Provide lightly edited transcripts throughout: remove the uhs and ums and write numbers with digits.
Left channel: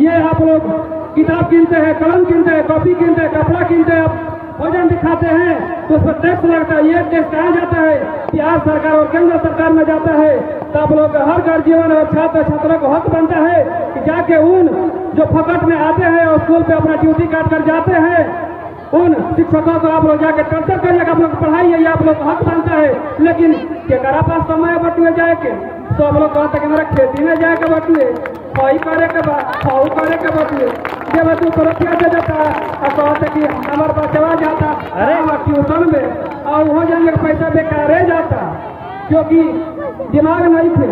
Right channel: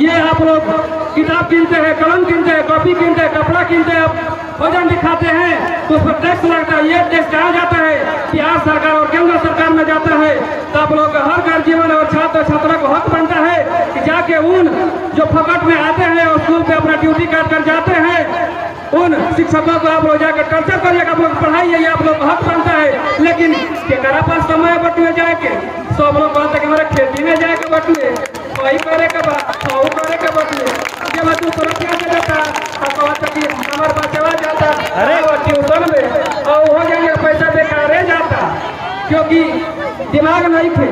ये आप लोग किताब कीनते हैं, कलम कीनते हैं, कॉपी कीनते हैं, कपड़ा कीनते हैं, आप वजन दिखाते हैं तो उस पर टैक्स लगता है। ये टैक्स कहाँ जाता है? बिहार सरकार और केंद्र सरकार में जाता है। तो आप लोग का हर गार्जियन और छात्र छात्रा को हक बनता है कि जाके उन जो फकट में आते हैं और स्कूल पे अपना ड्यूटी काट कर जाते हैं, उन शिक्षकों को आप लोग जाकर टर्चर करिएगा, आप लोग पढ़ाइए, ये आप लोग हक बनता है। लेकिन केकरा पास समय बटुए जाए के सब लोग कहते हैं कि हमारा खेती में जाए के बटुए, वही करे के फाऊ करे के बटुए, ये बटू सुरक्षा से देता और कहते कि हमारे पास चला जाता अरे वो ट्यूशन में और हो जाएंगे पैसा बेकार जाता, क्योंकि दिमाग नहीं थे।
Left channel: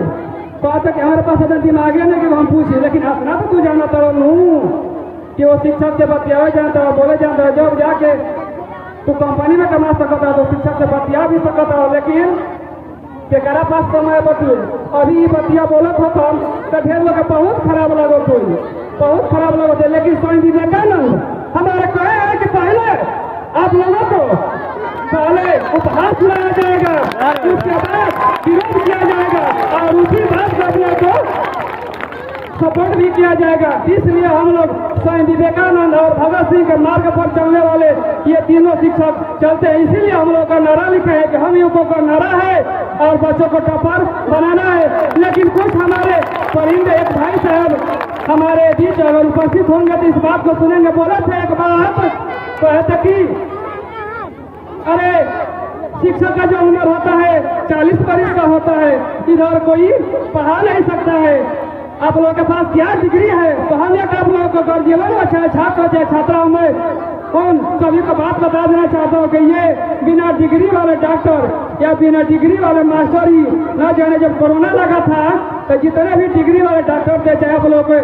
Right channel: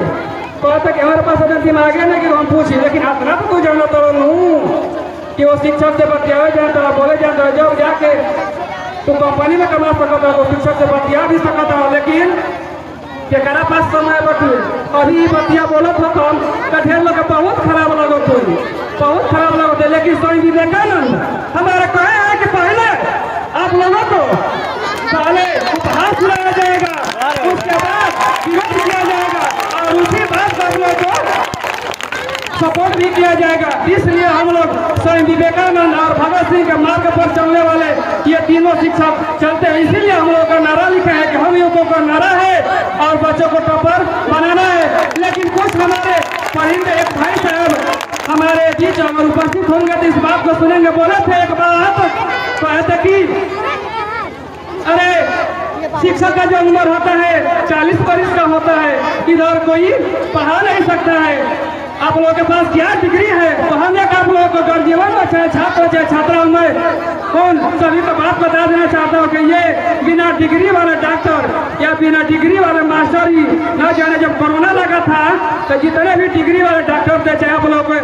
कहते कि हमारे पास अगर दिमाग नहीं कि हम पूछे, लेकिन अपना तो तू जाना तो लूँ कि वो शिक्षक से बतिया जाता है, बोले जाता है, जब जाके तो कंपनी में कमा सकता है तो शिक्षक से बतिया भी सकता है। लेकिन केकरा पास समय बटुए अभी बतिया बोलत हो कम तो ढेर लोग बहुत खराब लगत हो, बहुत खराब लगत है। लेकिन स्वामी विवेकानंद हमारा कहे है कि पहले आप लोगों को पहले उपहार खिलाया जाएगा, उसके बाद विरोध किया जाएगा और उसी बात आप लोग को सपोर्ट भी किया जाएगा। इसलिए हम लोग स्वामी विवेकानंद और भगत सिंह के मार्ग पर चलने वाले ये तीनों शिक्षक चलते हैं। इसीलिए हम लोग का नारा लिखा है कि हम लोगों का नारा है और बच्चों को टॉपर बनाना है। लेकिन कुछ हमारे परिंदे एक भाई साहब हमारे बीच अगर उपस्थित होंगे तो इस बात को सुनेंगे। बोले थे एक बात कहते कि अरे शिक्षक का जो उम्र होता है 40 वर्ष का होता है, इधर कोई पढ़ा नहीं सकता है। आप लोगों के पास क्या डिग्री है? तो हम एक आप लोगों को गार्जियन चाहे छात्र चाहे छात्राओं में कौन सभी को बात बता देना चाहता हूँ कि ये बिना डिग्री वाले डॉक्टर या बिना डिग्री वाले मास्टर ही न जाने जब कोरोना लगा था तो जितने भी डिग्री वाले डॉक्टर थे, चाहे आप लोग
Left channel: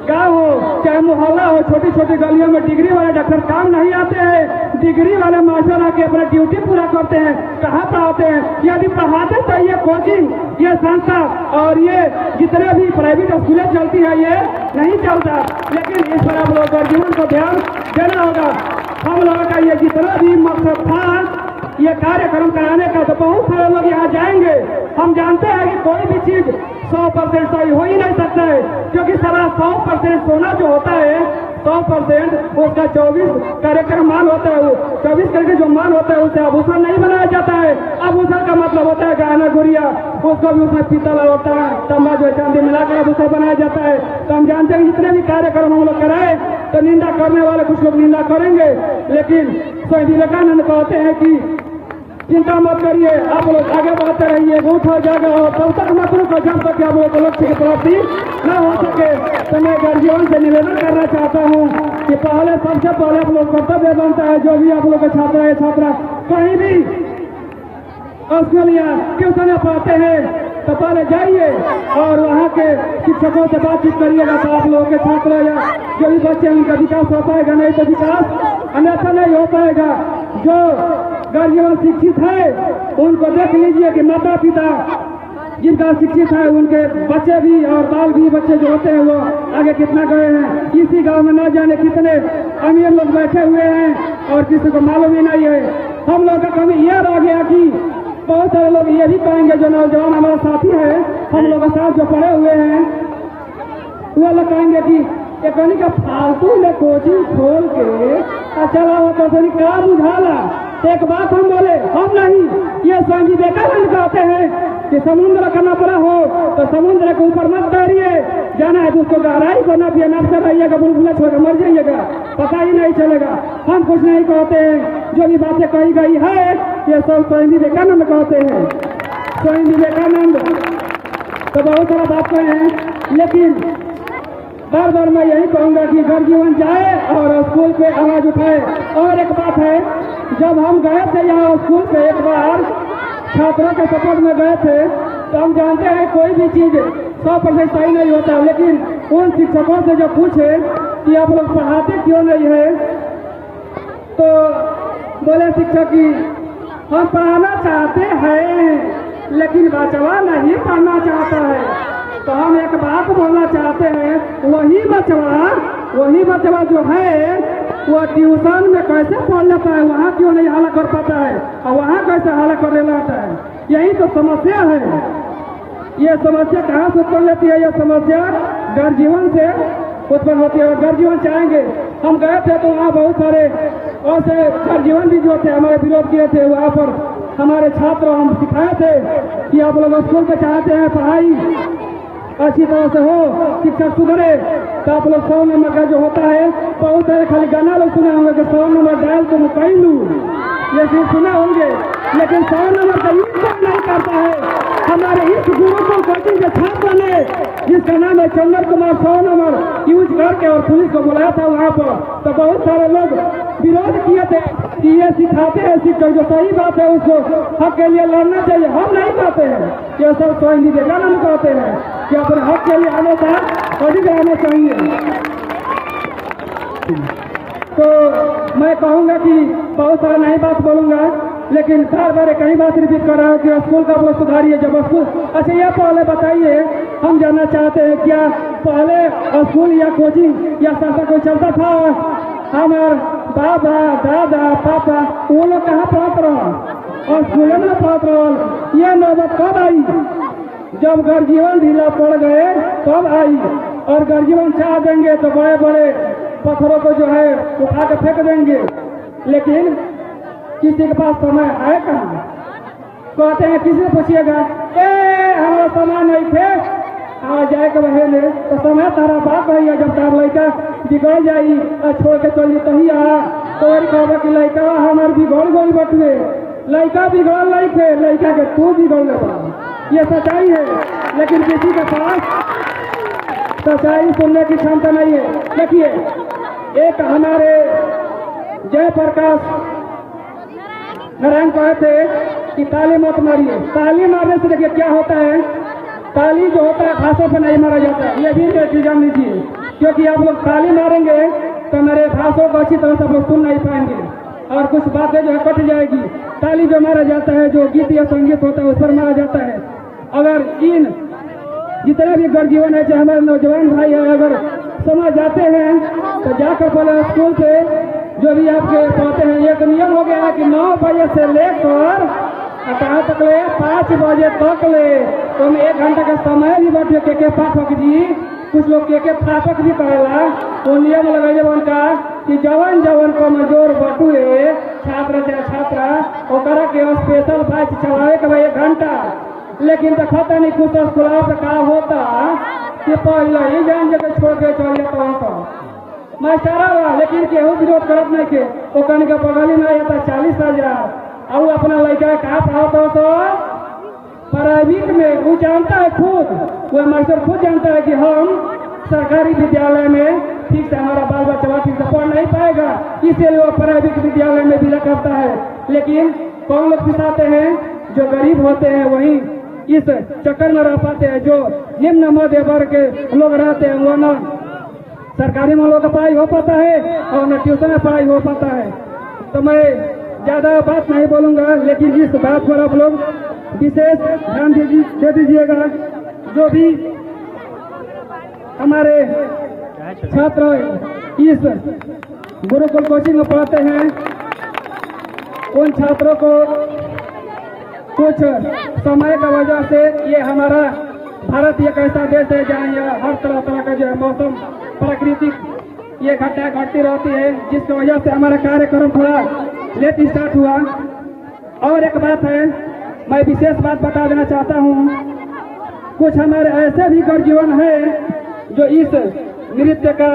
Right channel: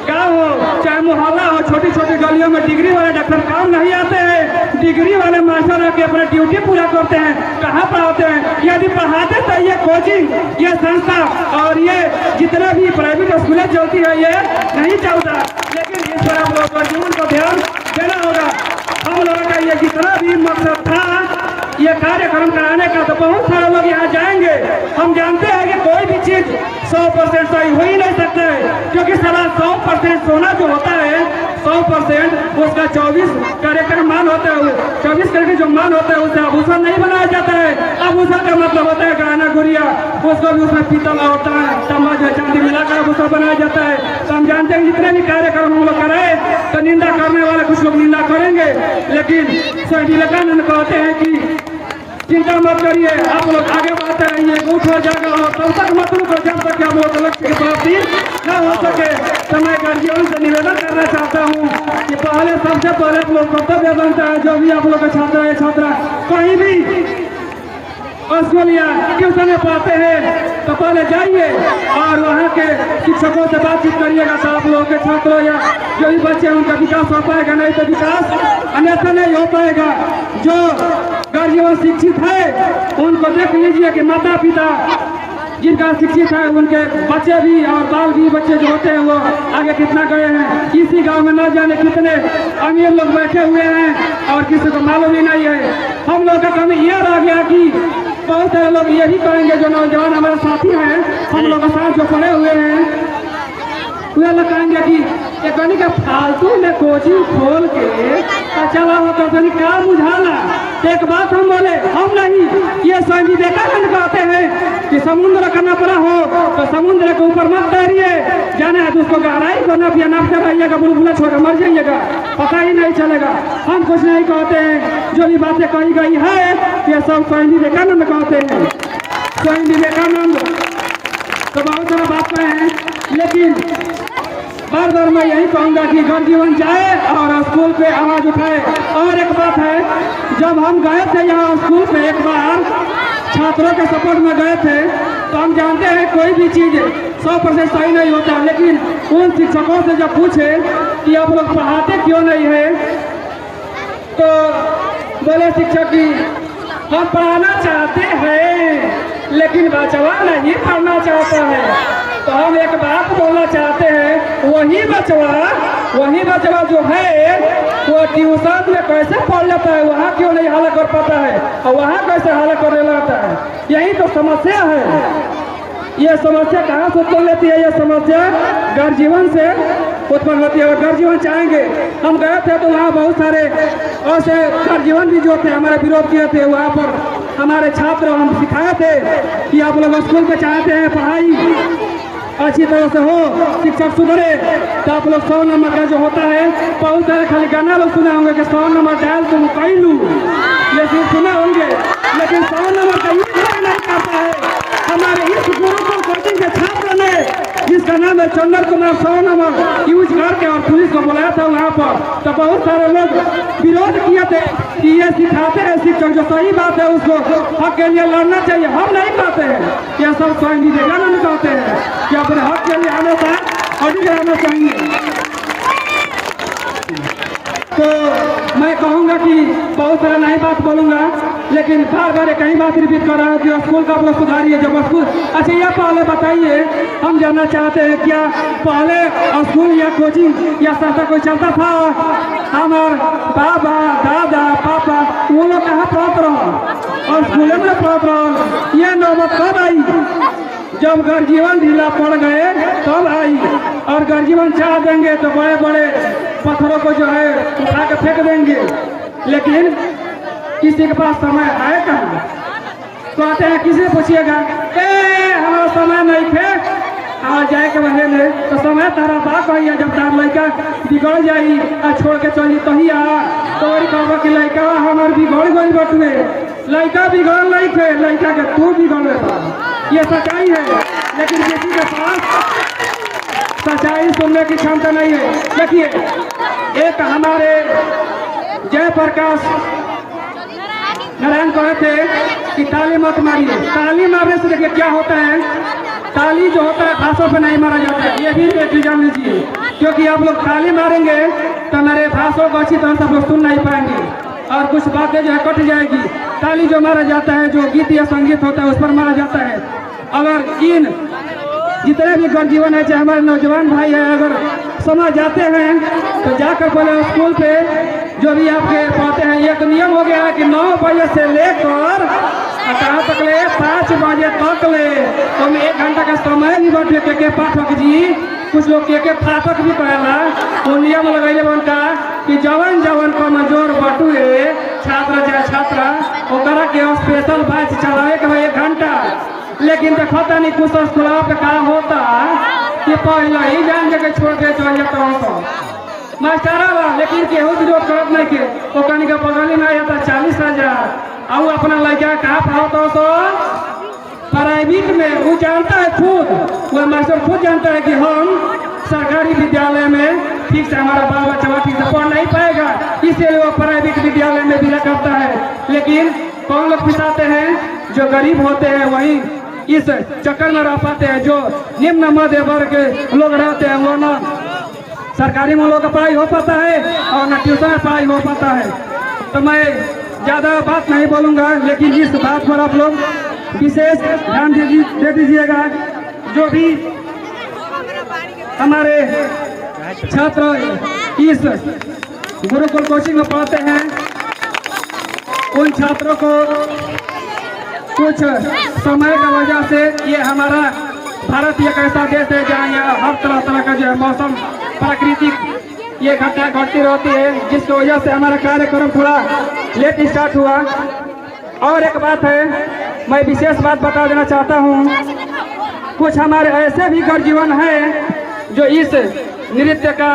गाँव हो चाहे मोहल्ला हो, छोटी छोटी गलियों में डिग्री वाले डॉक्टर काम नहीं आते हैं। डिग्री वाले मास्टर आके अपना ड्यूटी पूरा करते हैं। कहाँ पढ़ाते हैं? यदि पढ़ाते तो ये कोचिंग, ये संस्था और ये जितने भी प्राइवेट स्कूलें चलती है ये नहीं चलता। लेकिन इस पर आप लोगों को जीवन को ध्यान देना होगा। हम लोगों का ये जितना भी मकसद था ये कार्यक्रम कराने का, तो बहुत सारे लोग यहाँ जाएंगे। हम जानते हैं कि कोई भी चीज 100% सही हो ही नहीं सकता है, क्योंकि सारा 100% सोना जो होता है 100% उसका 24 कार्यक्रम मान होता है। 24 करके जो मान होता है उससे आभूषण नहीं बनाया जाता है। आभूषण का मतलब होता है गहना गुड़िया, उसको भी उसमें पीतल और तांबा जो चांदी मिलाकर आभूषण बनाया जाता है। तो हम जानते हैं जितने भी कार्यक्रम हम लोग कराए तो निंदा करने वाले कुछ लोग निंदा करेंगे, लेकिन स्वामी विवेकानंद कहते हैं कि चिंता मत करिए, आप लोग आगे बढ़ते रहिए, उठ हो जाएगा और तब तक मत रुको जब तक आप लोग लक्ष्य की प्राप्ति न हो सके। तो मैं गार्जियन से निवेदन करना चाहता हूँ कि पहले सबसे पहले आप लोग कर्तव्य बनता है, जो भी आप लोग का छात्र है छात्रा कहीं भी स्कूल या ट्यूशन पढ़ाते हैं तो पहले जाइए और वहाँ के शिक्षकों से बातचीत करिएगा। तो आप लोगों के छात्रों या जो भी बच्चे हैं उनका विकास हो पाएगा, नहीं तो विकास अन्यथा नहीं हो पाएगा। जो गार्जियन शिक्षित है उनको देख लीजिए कि माता पिता जिनका शिक्षित है उनके बच्चे भी और बाल भी बच्चे जो होते हैं वो आगे कितना गए हैं। इसी गांव में न जाने कितने अमीर लोग बैठे हुए हैं और किसी को मालूम ही नहीं है। हम लोग का कमी यह रह गया कि बहुत सारे लोग ये भी कहेंगे, जो नौजवान हमारे साथी हैं हम लोग के साथ जो पढ़े हुए हैं वे लोग कहेंगे कि एक के फालतू में कोचिंग खोल के चला होता तो क्या बुझाला। एक बात हम बोले, हम नहीं, ये स्वामी विवेकानंद कहते हैं कि समुद्र का नपरा हो तो समुद्र के ऊपर मत तैरिए, जाना है तो उसको गहराई को नपिए, नपते रहिएगा, बुलबुला छोड़कर मर जाइएगा, पता ही नहीं चलेगा। हम कुछ नहीं कहते हैं, जो भी बातें कही गई है ये सब स्वामी विवेकानंद कहते हैं। स्वामी विवेकानंद तो बहुत सारा बात कहे हैं, लेकिन बार बार मैं यही कहूँगा कि गार्जियन जाए और स्कूल पे आवाज़ उठाए। और एक बात है, जब हम गए थे यहाँ स्कूल पे एक बार छात्रों के सपोर्ट में गए थे तो हम जानते हैं कोई भी चीज़ 100% सही नहीं होता, लेकिन उन शिक्षकों से जब पूछे कि आप लोग पढ़ाते क्यों नहीं है तो बोले शिक्षक कि हम पढ़ाना चाहते हैं लेकिन बचवा नहीं पढ़ना चाहता है। तो हम एक बात बोलना चाहते हैं, वही बचवा जो है वो ट्यूशन में कैसे पढ़ लेता है, वहाँ क्यों नहीं हल कर पाता है और वहाँ कैसे हल कर लेता है। यही तो समस्या है। ये समस्या कहाँ से उत्पन्न लेती है? ये समस्या गार्जियन से उत्पन्न होती है। और घर जीवन चाहेंगे, हम गए थे तो वहाँ बहुत सारे ऐसे घर जीवन भी जो थे हमारे विरोध किए थे। वहाँ पर हमारे छात्र हम सिखाए थे कि आप लोग स्कूल पे चाहते हैं पढ़ाई अच्छी तरह से हो, शिक्षक सुधरे, तो आप लोग 100 नंबर का जो होता है, बहुत सारे खाली गाना लोग सुने होंगे कि 100 नंबर डाल तुम कई लू, ये चीज सुने होंगे, लेकिन 100 नंबर का यूज नहीं करता है। हमारे इस गुरुकुल कोचिंग के छात्र ने, जिसका नाम है चंदन कुमार, 100 नंबर यूज करके और पुलिस को बुलाया था वहाँ पर, तो बहुत सारे लोग विरोध किए थे कि ये सिखाते हैं शिक्षक, जो सही बात है उसको हक के लिए लड़ना चाहिए। हम नहीं कहते हैं, ये सब स्वयं विवेकानंद कहते हैं कि अपने हक के लिए हमेशा अडिग रहना चाहिए। तो मैं कहूँगा कि बहुत सारा नई बात बोलूँगा, लेकिन बार बार कई बात रिपीट कर रहा हूँ कि स्कूल का आप लोग सुधारिए। जब स्कूल, अच्छा ये पहले बताइए, हम जानना चाहते हैं क्या पहले स्कूल या कोचिंग या संस्था कोई चलता था? हमारे बाबा दादा पापा वो लोग कहाँ पढ़ते रहो और स्कूल में पढ़ते रहो। ये नौबत कब आई? जब गर्जीवन ढीला पड़ गए तब आई। और गर्जीवन चाह देंगे तो बड़े बड़े पत्थरों को जो है उठा कर फेंक देंगे, लेकिन किसी के पास समय है कहाँ? कहते हैं किसी से पूछिएगा, हमारा समय नहीं थे आ जाए के बहे में, तो समय तारा बाप भैया जब तार लड़का बिगड़ जाई आ छोड़ के चली तो ही तो कहबा कि लड़का हमारे बिगड़ गई बटुए, लड़का बिगड़ नहीं थे, लड़का के तू बिगड़ लेता। ये सच्चाई है, लेकिन किसी के पास सच्चाई सुनने की क्षमता नहीं है। देखिए, एक हमारे जयप्रकाश नारायण कहे थे कि ताली मत मारिए। ताली मारने से देखिए क्या होता है, ताली जो होता है भाषा पे नहीं मारा जाता है, ये भी जान लीजिए, क्योंकि आप लोग ताली मारेंगे तो मेरे भाषा को अच्छी तरह से आप लोग सुन नहीं पाएंगे और कुछ बातें जो है कट जाएगी। ताली जो मारा जाता है, जो गीत या संगीत होता है उस पर मारा जाता है। अगर इन जितने भी गर्जीवन है, चाहे हमारे नौजवान भाई है, अगर समझ जाते हैं तो जाकर पहले स्कूल पे जो भी आपके पढ़ते हैं, एक नियम हो गया है कि 9 बजे से लेकर कहाँ तक ले 5 बजे तक ले, तो हम 1 घंटा का समय भी बैठे के पाठक जी, कुछ लोग के फाटक भी कहेला, वो नियम लगैले बनता कि जवन जवन को मंजूर बटुए छात्र चाहे छात्रा ओकरा के स्पेशल बैच चलावे के भाई 1 घंटा। लेकिन देखता नहीं कुछ स्कूल पे का होता कि पहले ही जान के छोड़ के चल जाता हूँ मास्टर वाला, लेकिन केहू विरोध करत नहीं के, वो कहीं का बगल ही नहीं आता 40,000 और अपना लड़का कहाँ पढ़ाता तो प्राइवेट में। वो जानता है खुद, वो मास्टर खुद जानता है कि हम सरकारी विद्यालय में ठीक से हमारा बाल बच्चा ठीक से पढ़ नहीं पाएगा, इसलिए वो प्राइवेट विद्यालय में विदा करता है। लेकिन कौन लोग पिसाते हैं? जो गरीब होते हैं वही इस चक्कर में रह पाते हैं। जो निम्न मध्य वर्ग के लोग रहते हैं वो न सरकारी में लोग का पढ़ाई हो पाता है और न ट्यूशन में पढ़ाई हो पाता है। तो मैं ज़्यादा बात नहीं बोलूँगा, लेकिन इस बात पर आप लोग विशेष ध्यान दे दीजिएगा। जो भी हमारे छात्र इस गुरुकुल कोचिंग में पढ़ते हैं, उन छात्रों को कुछ समय की वजह से, ये हमारा भारत एक ऐसा देश है जहाँ यहाँ हर तरह तरह का जो है मौसम प्राकृतिक ये घटना घटती रहती है, जिसकी वजह से हमारा कार्यक्रम थोड़ा लेट स्टार्ट हुआ। और एक बात है, मैं विशेष बात बता देना चाहता हूँ, कुछ हमारे ऐसे भी गर्जीवन हैं जो इस नृत्य का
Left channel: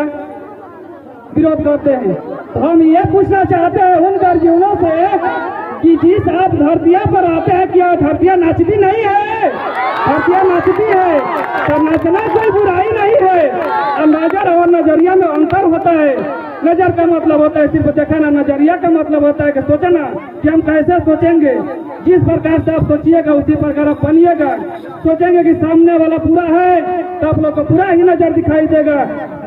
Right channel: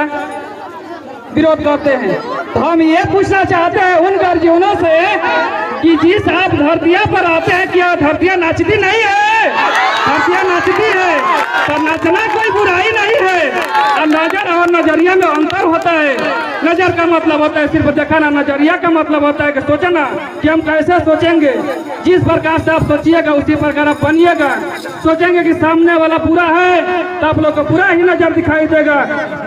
विरोध करते हैं। हम ये पूछना चाहते हैं उन गर्जीवनों से कि जिस आप धरतिया पर आते हैं, क्या धरतिया नाचती नहीं है? धरतिया नाचती है, पर नाचना कोई बुराई नहीं है। नजर और नजरिया में अंतर होता है। नजर का मतलब होता है सिर्फ दिखाना, नजरिया का मतलब होता है कि सोचना कि हम कैसे सोचेंगे। जिस प्रकार से आप सोचिएगा उसी प्रकार आप बनिएगा। सोचेंगे कि सामने वाला पूरा है तो आप लोग को पूरा ही नजर दिखाई देगा।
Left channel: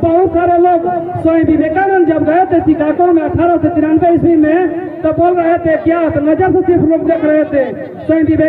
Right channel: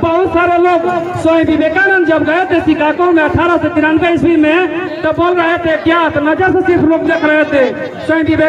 बहुत सारे लोग स्वामी विवेकानंद जब गए थे शिकागो में 1893 ईस्वी में, तो बोल रहे थे क्या, तो नजर से सिर्फ लोग देख रहे थे। स्वामी